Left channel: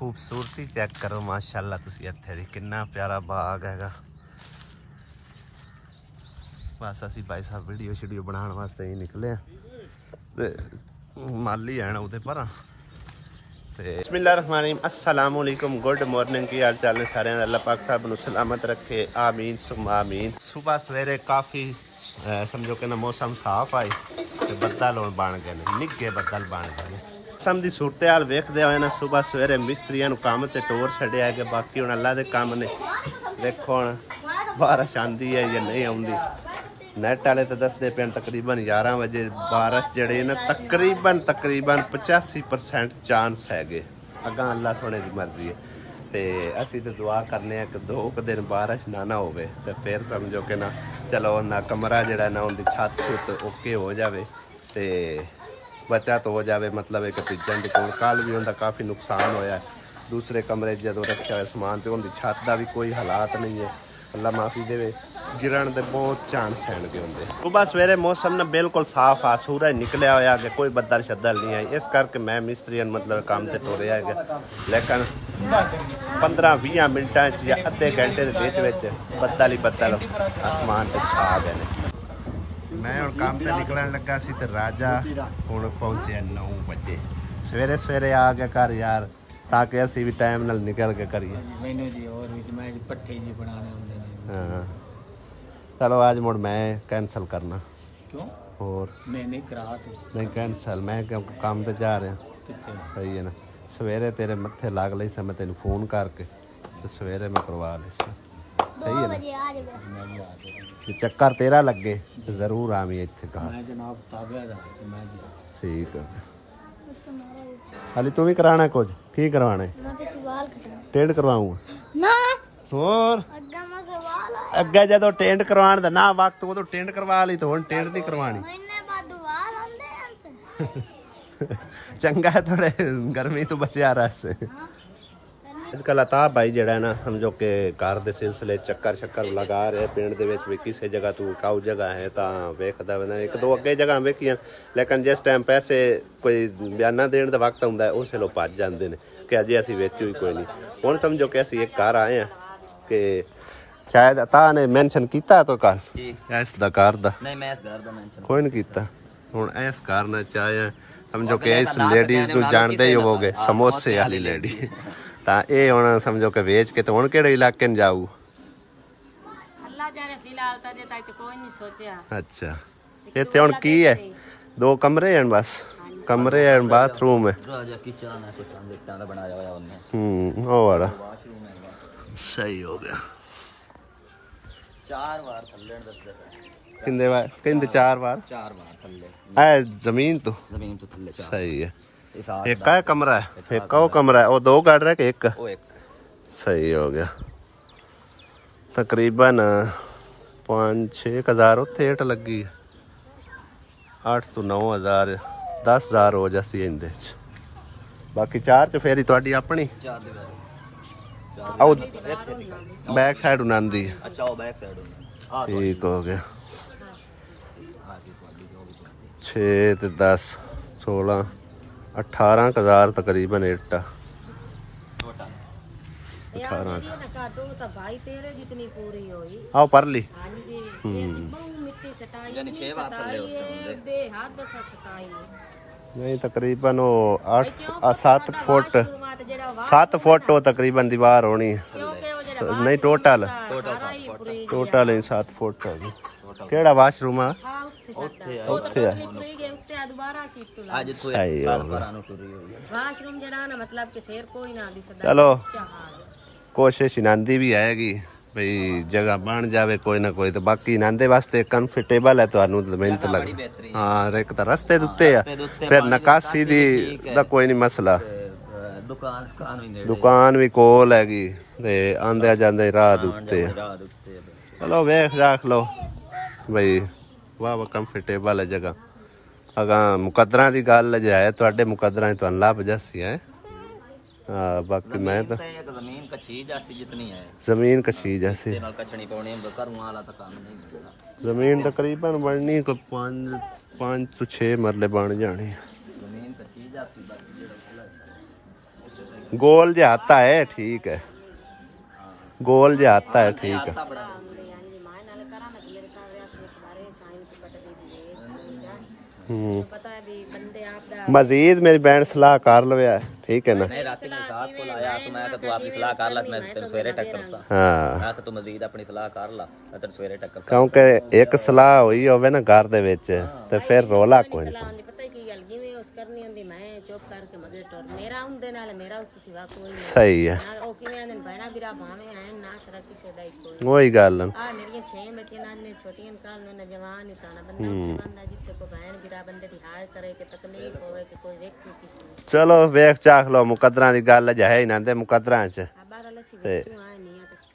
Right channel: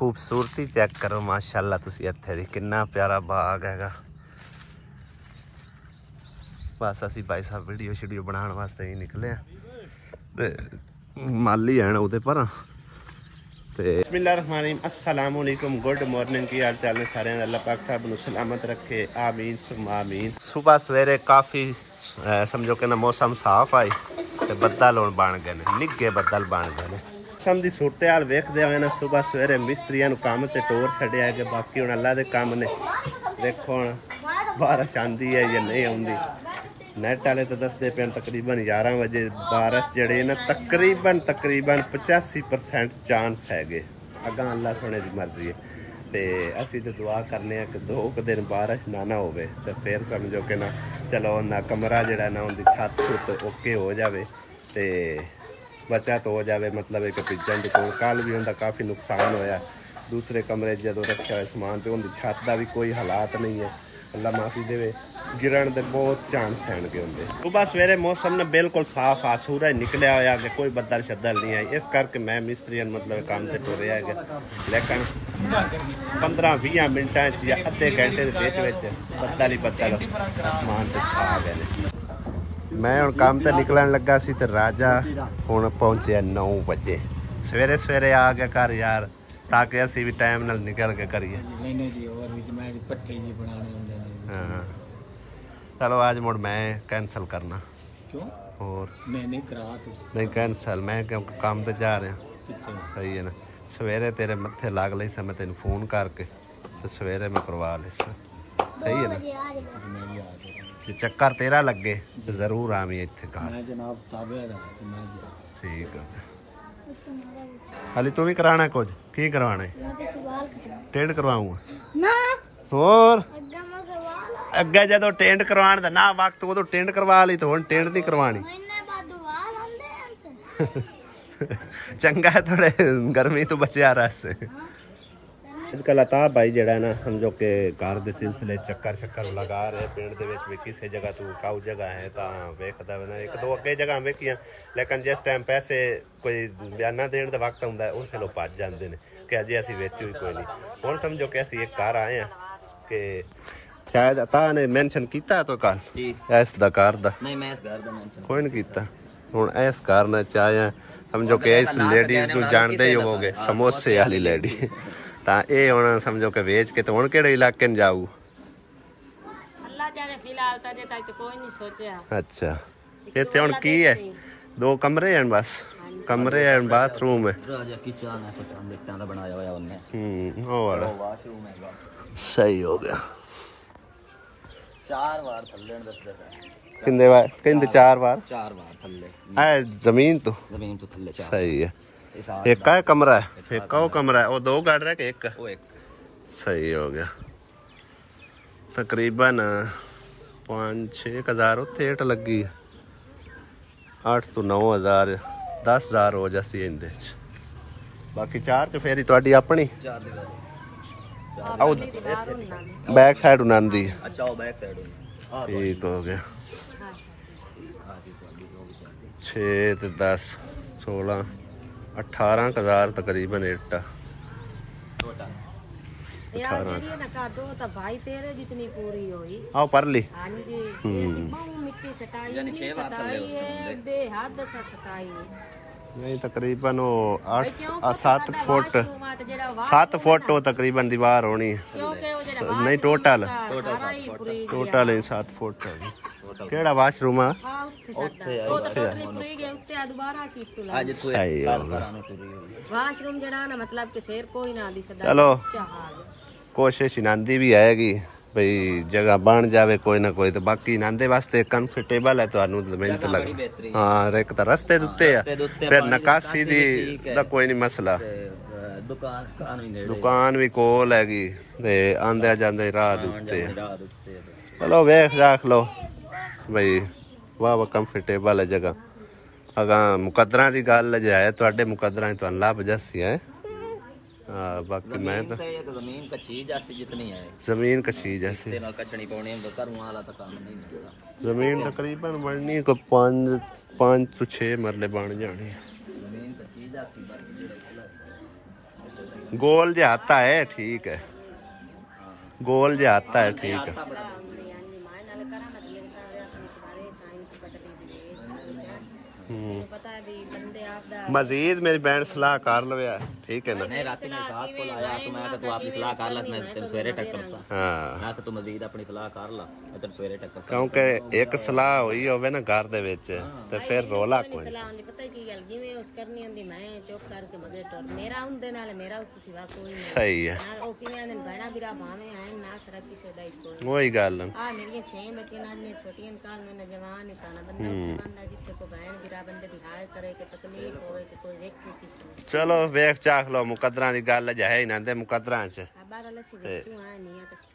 खूबसूरती चेक करो माशाअल्लाह तुसी इत्थे दी कितना प्यारा बाग हैगा। बस असी भाई साहब वीडियो शीडियो बनाने वास्ते ही निकले ते माली हैं उहदे पर बिस्मिल्लाहिर्रहमानिर्रहीम अस्सलाम वालेकुम गुड मॉर्निंग की हाल चाल ने सारे अल्लाह पाक साहब नू सलामत रखे आमीन सुम्मा आमीन। सुबह सवेरे काफ़ी समझो कि ना मौसम साफ आई ते बदल हुण बन गए ने निगे बदल बन गए ने। मौसम की सूरत हाल वेखदे होए ना सुबह सवेरे मिस्त्रियां नू काम ते टोर छड्डिया है कि बाकी हुण अल्लाह दे काम ने। देखो हुण बारिश आंदी है या नहीं आउंदी। नैट वाले तो दसते पे तकरीबन 11 बजे बारिश जड़े ना तकरीबन 85% चांस है। अगा अल्लाह सोने की मर्जी है तो असी तो दुआ करने कि 2 दिन बारिश ना होवे तो फिर समझो कि ना चलो ना कमरा जड़ा ना उनकी छत छुत ओके हो जाए तो बचत हो जाए। मतलब एक पिजन की कल भी उनका काफ़ी नुकसान होया। दूसरे कमरे जो रखा हुआ समान तो उनकी छत का भी कोई हालात नहीं है। अल्लाह माफ़ी देवे गिरन के बहुत चांस हैं होंगे। सुबह सवेरे मौसम ना बिल्कुल साफ आ सूरज निकलिया होया कि कोई बदल शदल नहीं है। इस करके मैं मिस्त्री मतलब काम से टुरया है लेकिन 15-20 मिनटा या अद्धे घंटे के बदल ही बदल आसमान पर छा गए। मैं हुण काम से निकलन लगा सी ते राजा हुण पहुंचे 9 बजे सवेरे सवेरे आ गया घर यार ताकि असी भी टाइम नाल निकल के करिए। हाँ चलो आज मुड़ मैं कैंसल करना। क्यों? और नहीं करा तू नहीं कैंसल मैं क्योंकि काम ते जा रहा। सही है ना सवेरे तेरे मत्थे लाग लई सा मैं तेन फोन करके तो सवेरे मैं करवा ले सा। सही है ना जे चक्कर तेरा लगे तो जरूर आवी इत्थे घर। ठीक है हाली तू भी कराना कुछ की करवाना है? टेंट करवाऊंगा और अगे जो टेंट करवाने का ना वक्त उदो टेंट करवा ली तो हुण टेंट नहीं करवानी। चंगा है थोड़े गर्मी तो बचिया रस। अजकल अताब भाई जड़ा ना समझो कि घर के सिलसिले चक्कर शक्कर लगा रहे पिंड के किसी जगह तू काऊ जगह है तो वेखदा ना 1-2 अगे जगह वेखियां लेकिन जिस टाइम पैसे कोई बयाना देने का वक्त आउंदा उस वेले भज जाते हैं कि अजे असीं वेची हुई कोई नहीं। हुण समझो कि असीं एक घर आए हैं कि शायद अता ने मेंशन किया तो कल इस घर दा नहीं मैं इस घर दा मेंशन कोई नहीं किया। हुण इस घर ने चाहे समझो कि इस लेडीज को जानते ही होवोगे समोसे वाली लेडी ता ये हुण समझो कि वेच के तो हुण किहड़े इलाके में जाऊ अल्लाह जाने फिलहाल ता जे तक कोई नहीं सोचा। अच्छा इत्थे हुण की है 2 कमरे हैं बस कमरे हैं बाथरूम है किचन है कुछ लिफ्टां दा बनाया होया उन्हें ओ वाला सही हो गया। 4 बार थल्ले दसदा किंदे बार किंदे 4 बार थल्ले ए जमीन तो थल्ले 4 सही है। एक का कमरा है एक का कमरा है वो 2 गाड़ रहा कि एक सही हो गया। तकरीबन 5-6 हज़ार उत्थे हेठ लगी 8 तो 9 हज़ार 10 हज़ार हो जासी इंदे बाकी 4 च फेरी तुहाडी अपनी बैक साइड उनांदी ठीक हो गया। 6 ते 10 16 18 हज़ार तकरीबन इट्टा 18 आओ पर ली नहीं तकरीबन वो 7 फुट वो तकरीबन दीवार होनी है नहीं टोटल 7 फुट है। केड़ा वाशरूम है चलो कोशिश इनांदी भी आएगी भाई जगह बन जाए कोई ना कोई तो बाकी इनांदे वास्ते कंफर्टेबल है तो मेहनत लग। हाँ एक तो रस्ते दुते है फिर निकासी दा कोई नहीं मसला दुकान भी कोल हैगी ते आंदे जांदे राह दुते चलो वेख देख लो भाई वाह कंफर्टेबल है जगह। अगर मुकदरा की गल है तो मुकदरा तो लभ जसी है बाकी मैं तो जमीन कच्छी जैसी जमीन तकरीबन बननी को 5 तो 6 मरले बन जानी। गोल जो आता है ठीक है, गोल जो आता है ठीक है। मजीद मेरी बहन सलाह कर लवे, ठीक है ना। नहीं रात में साथ को लाया सो मैं तू अपनी सलाह कर ला, मैं तेरे सवेरे टक्कर सा। हां मैं तू मजीद अपनी सलाह कर ला, मैं तेरे सवेरे टक्कर सा। क्योंकि एक सलाह हुई होवे ना घर दे विच ते फिर रोला कोई नहीं। पता की गल जिवें उस करनी होंदी मैं चुप करके मगे टोर मेरा उनदे नाल मेरा उस तो सिवा कोई नहीं। सही है, ना ओ किवें ने बहना बिरा भावे आए ना सरा किसे दा कोई वही गल है। आ मेरी 6 बच्चे नाल ने छोटियां काल ने जवान ही ताना बंदा जिथे को बहन बिरा बंदे दी हाल करे के तकलीफ होवे के कोई देखे किसी। चलो वेख चाख लो, मुकद्दरां दी गल है ही ना दे मुकद्दरां च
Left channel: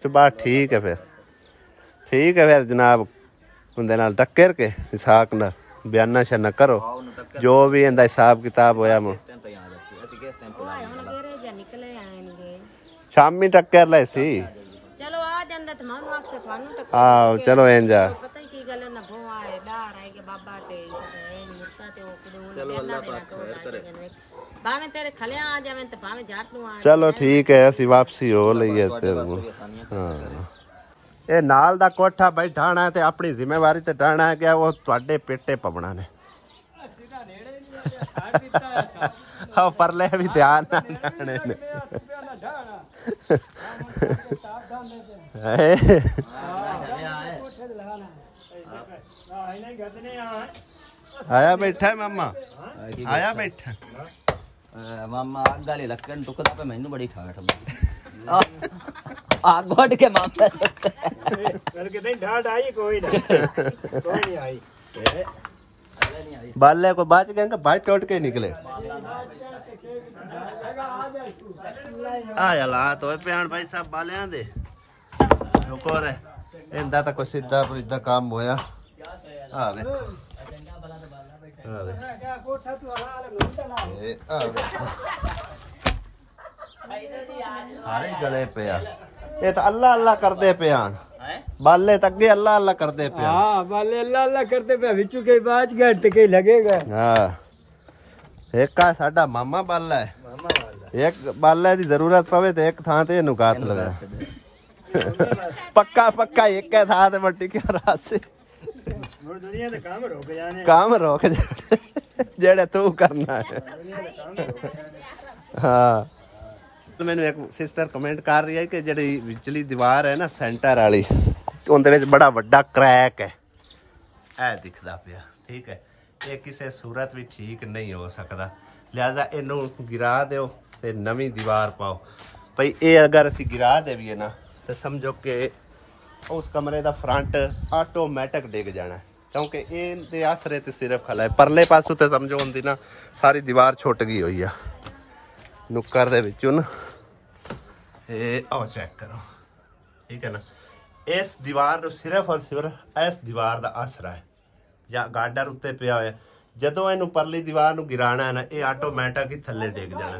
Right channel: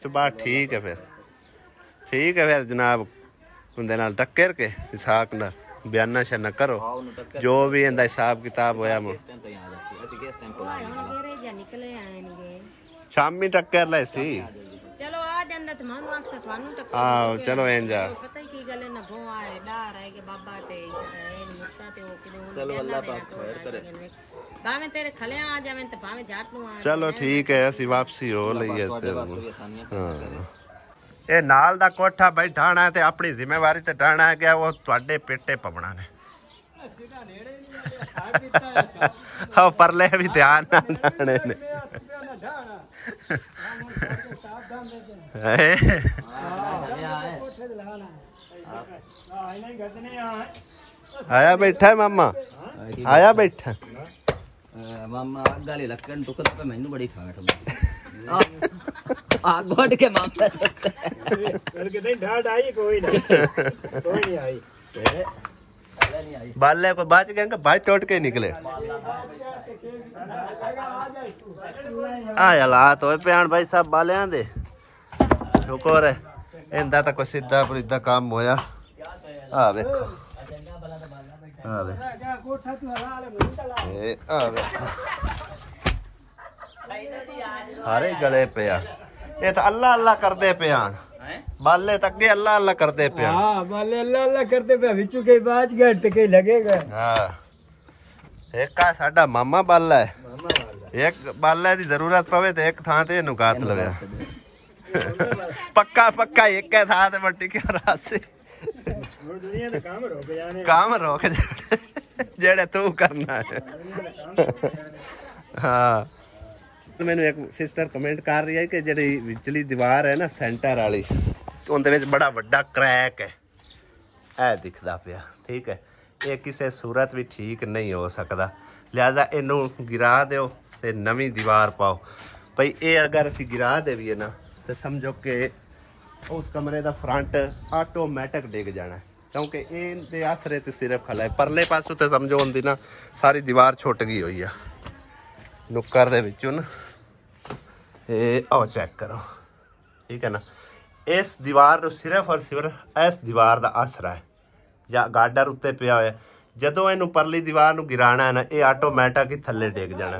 ते बात ठीक है। फिर ठीक है फिर जनाब उनदे नाल टक्कर के हिसाब नाल बयाना शना करो जो भी इंदा हिसाब किताब होया। शामी टक्कर ले सी चलो आ जांदा त मानू आख से थानू टक्कर। आओ चलो इंजा पता की गल है ना भो आए डार है के बाबा ते मुक्ता ते ओ किदे। चलो अल्लाह पाक खैर करे, भावे तेरे खले आ जावे ते भावे जाट नु आ। चलो ठीक है असि वापसी हो लईए ते। हां ए नाल दा कोठा भाई ढाणा ते अपनी जिम्मेवारी ते ढाणा है कि वो ਤੁਹਾਡੇ पेटे पवना ने। हाँ परले भी ध्यान ना ढाणे ने। आया बैठा है मामा, आया बैठा मामा गाली लक्कन टुकदा पे मैनू बड़ी ठाठ आ गोड के मामा करके नहीं ठाठ आई कोई नहीं आई बाले को बच गए कि भाई टूट के निकले। आया ला तो प्यान भाई सब बालियां दे रुको रे इंदा तो कोई सीधा परीदा काम होया। आ देखो आ वे आ देखो सारे गले पिया ये तो अल्लाह अल्लाह करदे पिया बाले तक के अल्लाह अल्लाह करदे पिया। हां बाले अल्लाह अल्लाह करदे पे विचू के बाज घंटे के लगेगा। हां एक का साडा मामा बाला है, एक बाले दी जरूरत पवे तो एक थां ते नुकात लगा पक्का पक्का एक के थां ते मट्टी के रात से दुनिया दे काम रोक जाने, काम रोक जाने जेड़े तू करना है। हाँ मैंने एक सिस्टर कमेंट कर रही है कि जी विचली दीवार है ना सेंटर वाली उनके बड़ा वड्डा क्रैक है ऐ दिखता पिया। ठीक है ये किसी सूरत भी ठीक नहीं हो सकता, लिहाजा इनू गिरा दो ते नवी दीवार पाओ भाई। ये अगर असी गिरा देवीए ना तो समझो कि उस कमरे का फ्रंट ऑटोमैटिक डिग जाना, क्योंकि ये आसरे ते सिर्फ खला है परले पासों तो समझो होंगी ना सारी दीवार छुट गई हुई है नुक्कर दे विचों ना। आओ चेक करो ठीक है ना, इस दीवार को सिर्फ और सिर्फ इस दीवार का आसरा है या गाडर उत्ते पिया होया। जदों इनू परली दीवार नू गिराना है ना ये ऑटोमैटिक ही थले डिग जाना।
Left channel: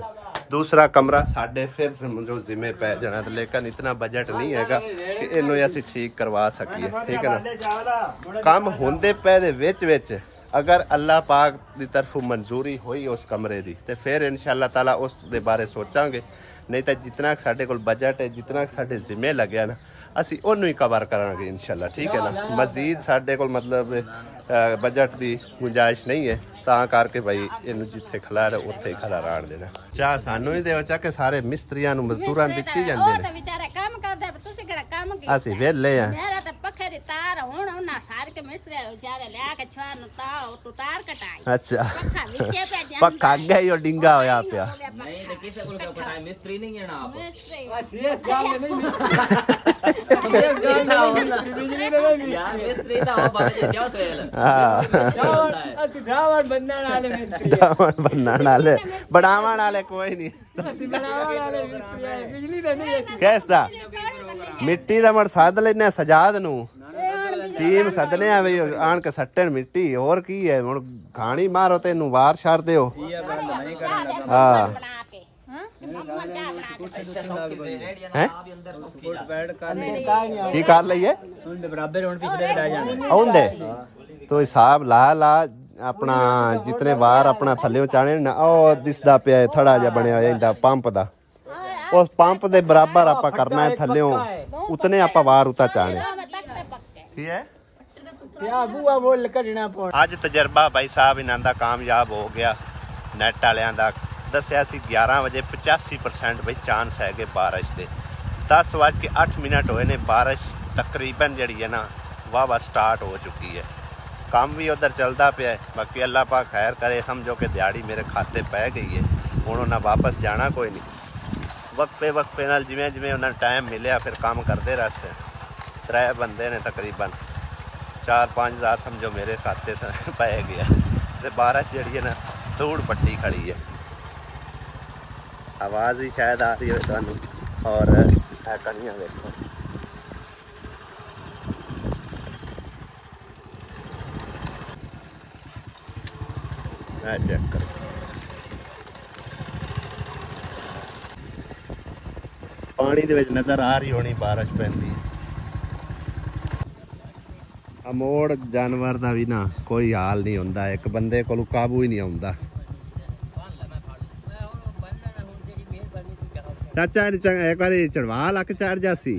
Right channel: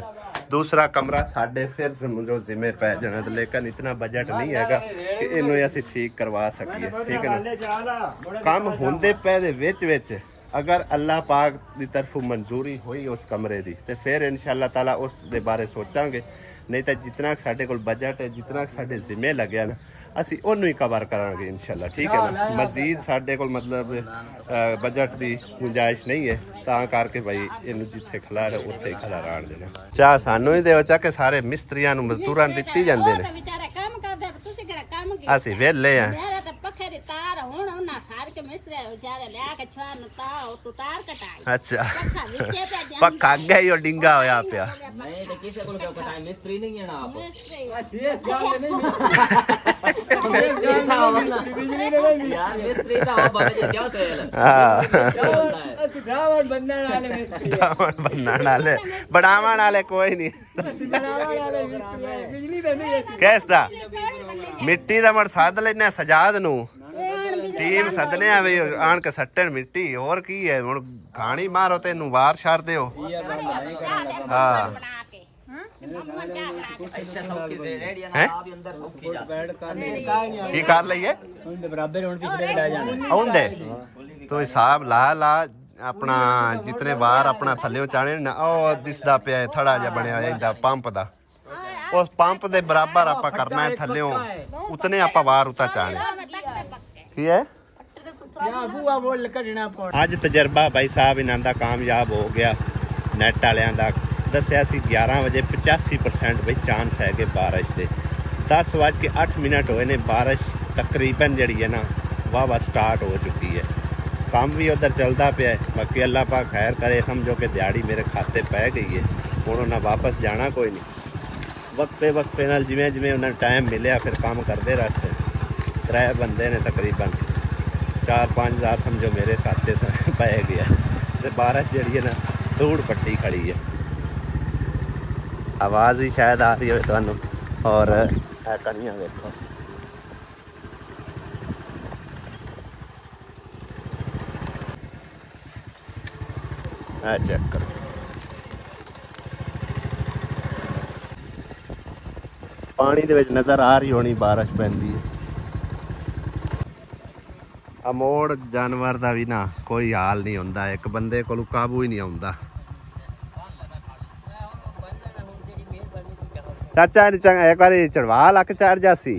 दूसरा कमरा साढ़े फिर समझो जिम्मे पै जाना, लेकिन इतना बजट नहीं हैगा कि इनू असीं ठीक करवा सकीए। ठीक है ना काम होंदे पे दे विच विच अगर अल्लाह पाक की तरफों मंजूरी हुई उस कमरे की तो फिर इंशाअल्लाह ताला उस दे बारे सोचांगे, नहीं तो जितना साढ़े कोल बजट है जितना साढ़े जिम्मे लग्या ना असी ओनू ही कवर करांगे इंशाअल्लाह। ठीक है ना मजीद साढ़े कोल मतलब बजट की गुंजाइश नहीं है ता करके भाई इनू जिथे खला रहे उत्थे ही खला राण देना। चाह सानू ही देओ चाह के सारे मिस्त्रियां नू मजदूरां दित्ती जांदे ने असी वेले हैं। अच्छा पक्का अगे ही डिंगा होया पिया नहीं तो किसे को पता मिस्त्री नहीं है ना आप बस ये काम नहीं यार मिस्त्री तो हो बाबा क्या सोयल। हां तू गावत बनने वाले मिस्त्री बनने वाले बनावन वाले कोई नहीं बनावट वाले बिजली तो नहीं है कैसा मिट्टी दा मड़ सद लेने सजाद नू टीम सदने आ बई आन के सट्टन मिट्टी और की है हुन घाणी मारो ते नु वार छाड़ देओ। हां हैं की कर लईए बराबर हुन पिछले ले जाना आउंदे तो हिसाब ला ला अपना जितने वार अपना थल्ले चाणे ना ओ दिसदा पिया थड़ा जा बनया इंदा पंप दा उस पंप दे बराबर आप करना है थले उतने आप वार उता चाहने ठीक है। अज तजर्बा भाई साहब इन्हां दा कामयाब हो गया। नैट वालियां दा दस्या सी 11 बजे 85% भाई चांस है कि बारिश दे। 10:08 होए ने बारिश तकरीबन जड़ी है ना वाह स्टार्ट हो चुकी है। काम भी उधर चलता पे है। बाकी अल्लाह पाक खैर करे, समझो कि दिहाड़ी मेरे खाते पै गई है। हुण उन्हें वापस जाना कोई नहीं, वक्फे नाल जिवें जिवें उन्हें टाइम मिले फिर काम करते रहे। 3 बंदे ने तकरीबन 4-5 हज़ार समझो मेरे खाते पै गया। तो बारिश जड़ी है ना धूड़ पट्टी खड़ी है। आवाज़ ही शायद आ रही है तुहानू और कनियां देखो चेक करो। पानी दे विच नजर आ रही होनी बारिश पैंदी है। अमोड़ जानवर दा भी ना कोई हाल नहीं होंदा, एक बंदे कोल काबू ही नहीं आउंदा। चाचा एक बार चढ़वा लक चढ़ जासी।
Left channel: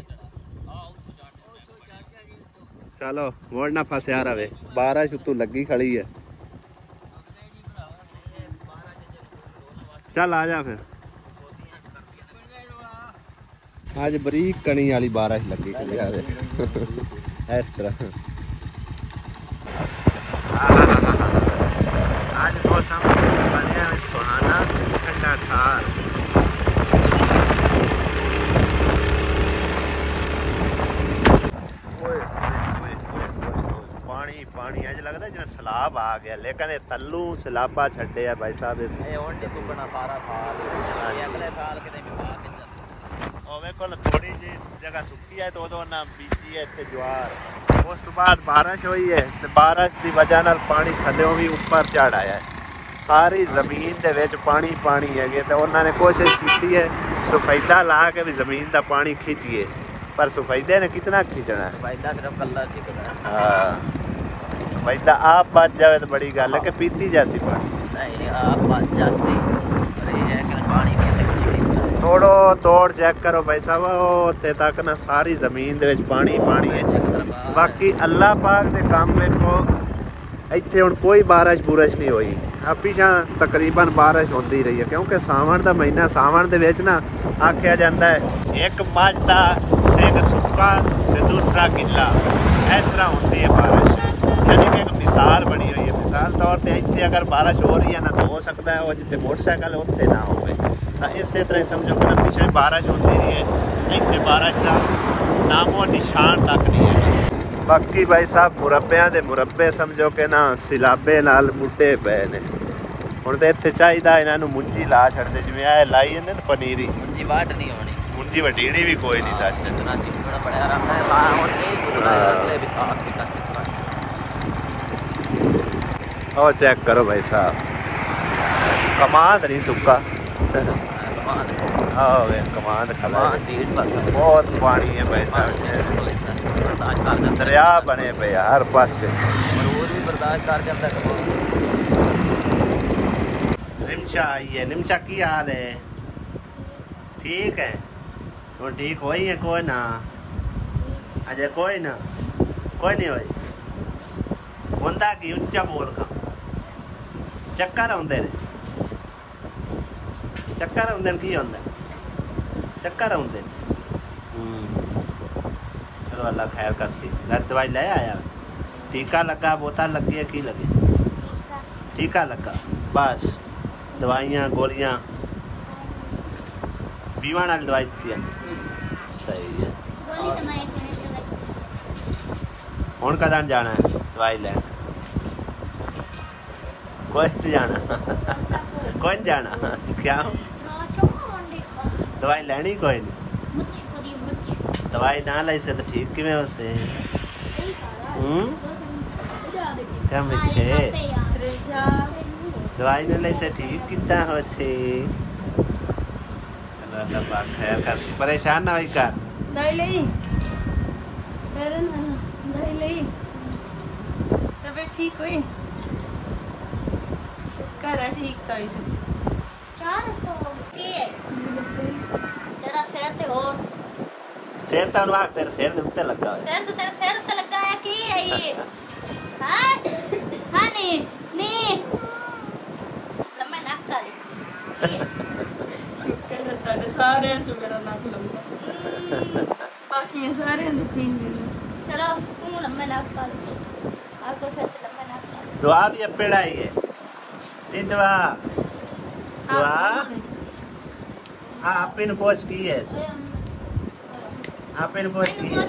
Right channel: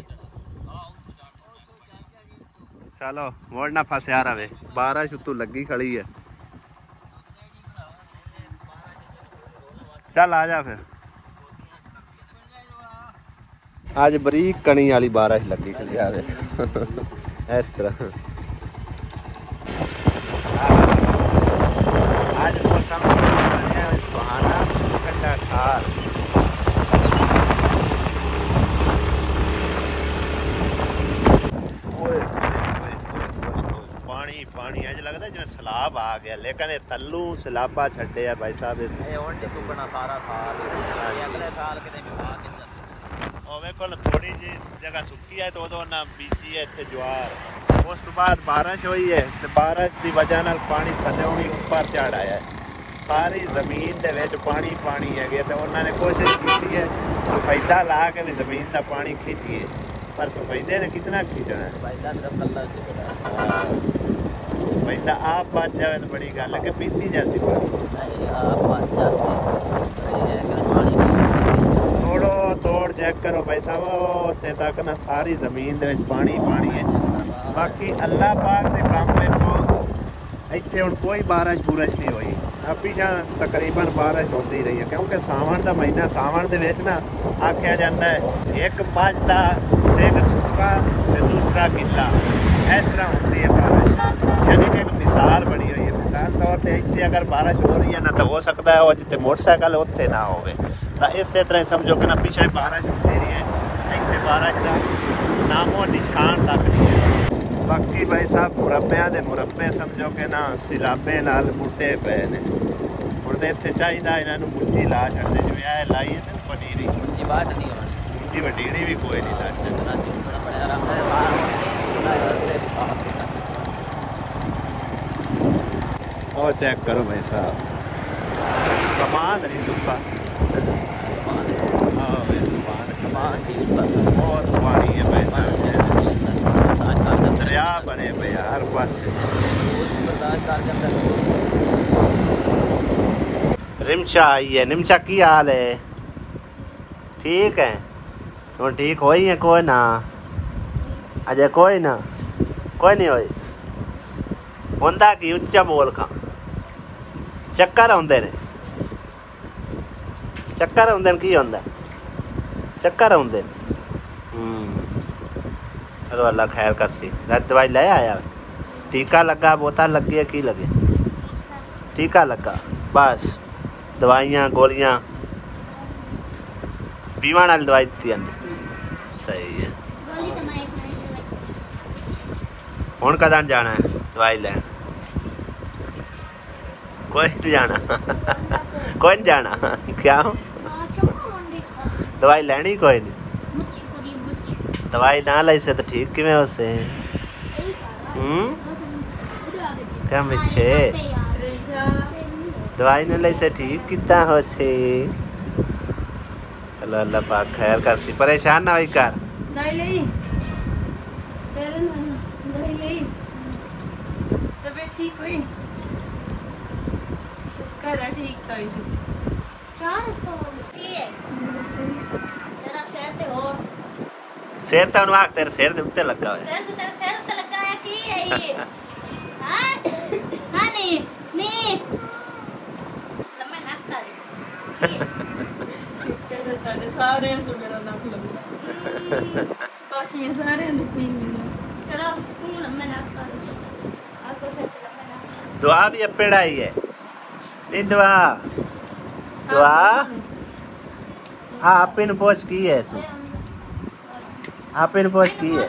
चलो मोड़ ना फसया रवे, बारिश उतों लगी खड़ी है। चल आ जा फिर। आज बरीक कणी वाली बारिश लगी खड़ी है इस तरह। आज मौसम बढ़िया सुहाना ठंडा ठार। पानी पानी अज लगता जिवें सैलाब आ गया, लेकिन ये तल्लू सैलाबा छड्डे भाई साहब। थोड़ी जी जगह सुक्की है तो उन्हें बीजी है इतने ज्वार। उस तो बाद बारिश हुई है तो बारिश की वजह नाल पानी थल्लों भी ऊपर चढ़ आया है। सारी जमीन के विच पानी पानी है तो उन्होंने कोशिश की है सफेदा ला के भी जमीन का पानी खींचिए, पर सफेदे ने कितना खींचना है। सफेदा आप बच जाए तो बड़ी गल है कि पीती जैसी पानी थोड़ो तोड़ चेक करो भाई साहब। उत्ते तक ना सारी जमीन दे विच पानी पानी है। बाकी अल्लाह पाक दे काम देखो, इत्थे हुण कोई बारिश बुरिश नहीं हुई। पिछा तकरीबन बारिश होती रही है क्योंकि सावन का महीना, सावन दे विच ना आख्या जाता है एक मझ दा सिंग सुक्का ते दूसरा गिला, इस तरह होती है बारिश। यानी कि एक मिसाल बनी हुई है। मिसाल तौर पर इतने अगर बारिश हो रही है ना तो हो सकता है जितने मोटरसाइकिल उत्ते ना हो। तो इस तरह समझो कि ना पिछले बारिश होती रही है, इतने बारिश का नामो निशान तक नहीं है। बाकी भाई साहब मुरब्बियां दे मुरब्बे समझो कि ना सिलाबे नाल बूटे पे ने। हुण तो इत्थे चाहिदा इन्हां नूं मुंजी ला छड्डदे, जिवें आ लाई है ना पनीरी मुंजी वटीड़ी भी कोई नहीं सच। और चेक करो भाई साहब, कमाद नहीं सुक्का। कमाद खला बहुत पानी है भाई साहब, दरिया बने पे हर पास। निमचा आई है। निमचा की हाल है? ठीक है तो ठीक हो है कोई ना अजय कोई ना कोई नहीं होई होंदा कि उच्चा बोल का चक्कर आउंदे ने। चक्कर आउंदे की होंदा? चक्कर आउंदे। चलो अल्लाह खैर कर सी। दवाई ले आया? टीका लगा, बोतल लगी है, की लगे? टीका लगा बस। दवाइयां गोलियां पीवन वाली दवाई दी सही है। हुण कदन जाना है दवाई लैन? कोई नहीं जाना कोई नहीं जाना क्या? दवाई लैनी कोई नहीं? दवाई ना लाई से तो ठीक किवें हो से? क्या मिच्छे दवाई न लाई से ठीक कितना हो से? चलो अल्लाह पाक खैर कर सी। परेशान ना होई कर। ठीक हुई शुक्र है ठीक हुई। 400 की है जरा सिर ते हो सिर तो उन्हें तेरे सिर के उत्ते लगा हुआ है सिर ते तेरे सिर ते लगा है की है ये हां हां नी लम्बा नाक का कहते सारे सारे जो मेरा नाक लंबा बाकी सारे ने पीन चलो तू लम्बा नाक का आपको फिर से लम्बा नाक दुआ भी अब पेड़ाई है नहीं दुआ दुआ हाँ आप इन पोच की है सो आप इन पोच की है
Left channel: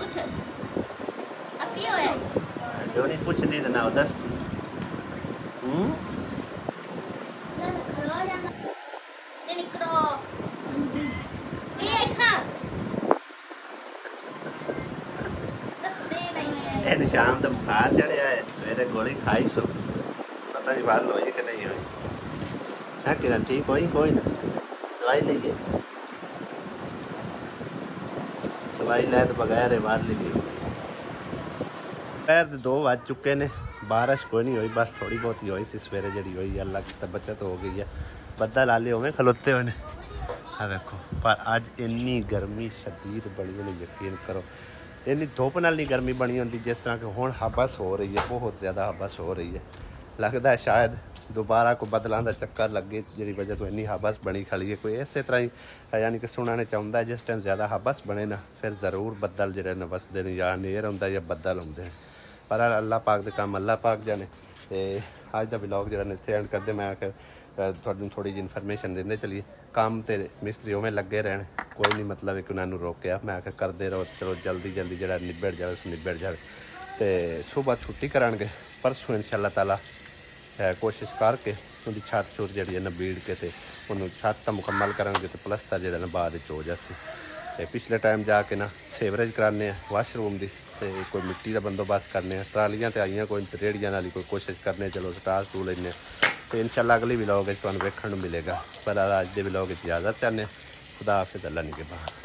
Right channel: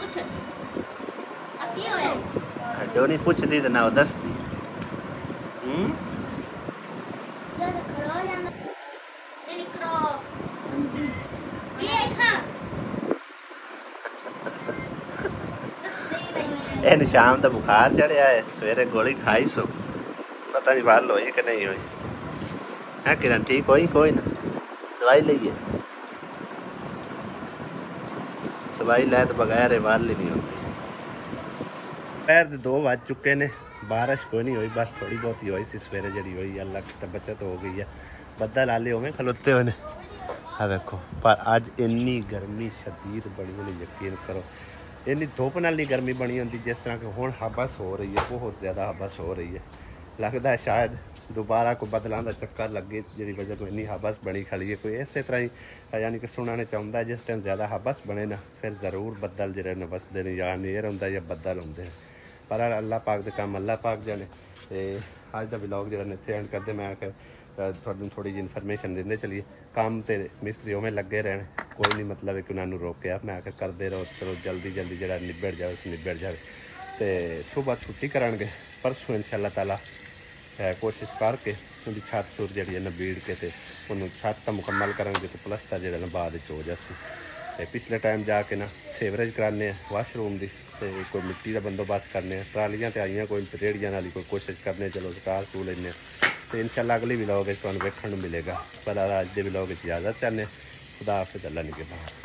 कुछ अब की होया डोनी पूछ दी तो ना वो दस दी ये निकलो ये खा इन शाम तो बुखार चढ़िया है सवेरे गोली खाई सो पता नहीं बाल हुई कि नहीं हुई है किरण ठीक हुई कोई ना दवाई लीजिए दवाई ले तो बगैर बाल ली नहीं हो पैर 2 बज चुके ने बारिश कोई नहीं हुई बस थोड़ी बहुत ही हुई सी सवेरे जी हुई अल्लाह की तो बचत हो गई है बदल आले होवे खलोते हुए ने हाँ देखो पर अज इन्नी गर्मी शदीद बनी होनी यकीन करो इन्नी धुप नाल नहीं गर्मी बनी होती जिस तरह कि हुण हबस हो रही है बहुत ज़्यादा हबस हो रही है लगता है शायद दोबारा को बदलों का चक्कर लगे जी वजह तो इन्नी हबस बनी खड़ी है कोई इस तरह ही यानी कि सुनने चाहता है जिस टाइम ज़्यादा हबस बने ना फिर ज़रूर बदल जो ने वसते हैं या नेर होंगे या बदल होंगे हैं पर अल्लाह पाक के काम अल्लाह पाक जाने तो अज का ब्लॉग जो इतने एंड करते मैं आखिर थोड़ी जी इन्फॉर्मेशन देंदे चलिए काम तो मिस्त्री उवें लगे रहने कोई नहीं मतलब कि उन्होंने रोकया मैं आखिर करते रहो चलो जल्दी जल्दी जो निबड़ जाए निबड़ जाए तो सुबह छुट्टी करांगे परसों इंशाअल्लाह ताला कोशिश करके उनकी छत छुट जी बीड़ के तो उन्होंने छत तो मुकम्मल करेंगे तो प्लस्तर जो बाद हो जाती तो पिछले टाइम जाके ना सीवरेज कराने वाशरूम की तो कोई मिट्टी का बंदोबस्त करने ट्रालियां तो आईया कोई रेहड़ियां वाली कोई कोशिश करने चलो स्टार सू लें तो इंशाअल्लाह अगली व्लॉग तुहानूं वेखण नूं मिलेगा पर अज के व्लॉग इजाज़त चाहते खुदा हाफिज़ अल्लाह नहीं के बाहर।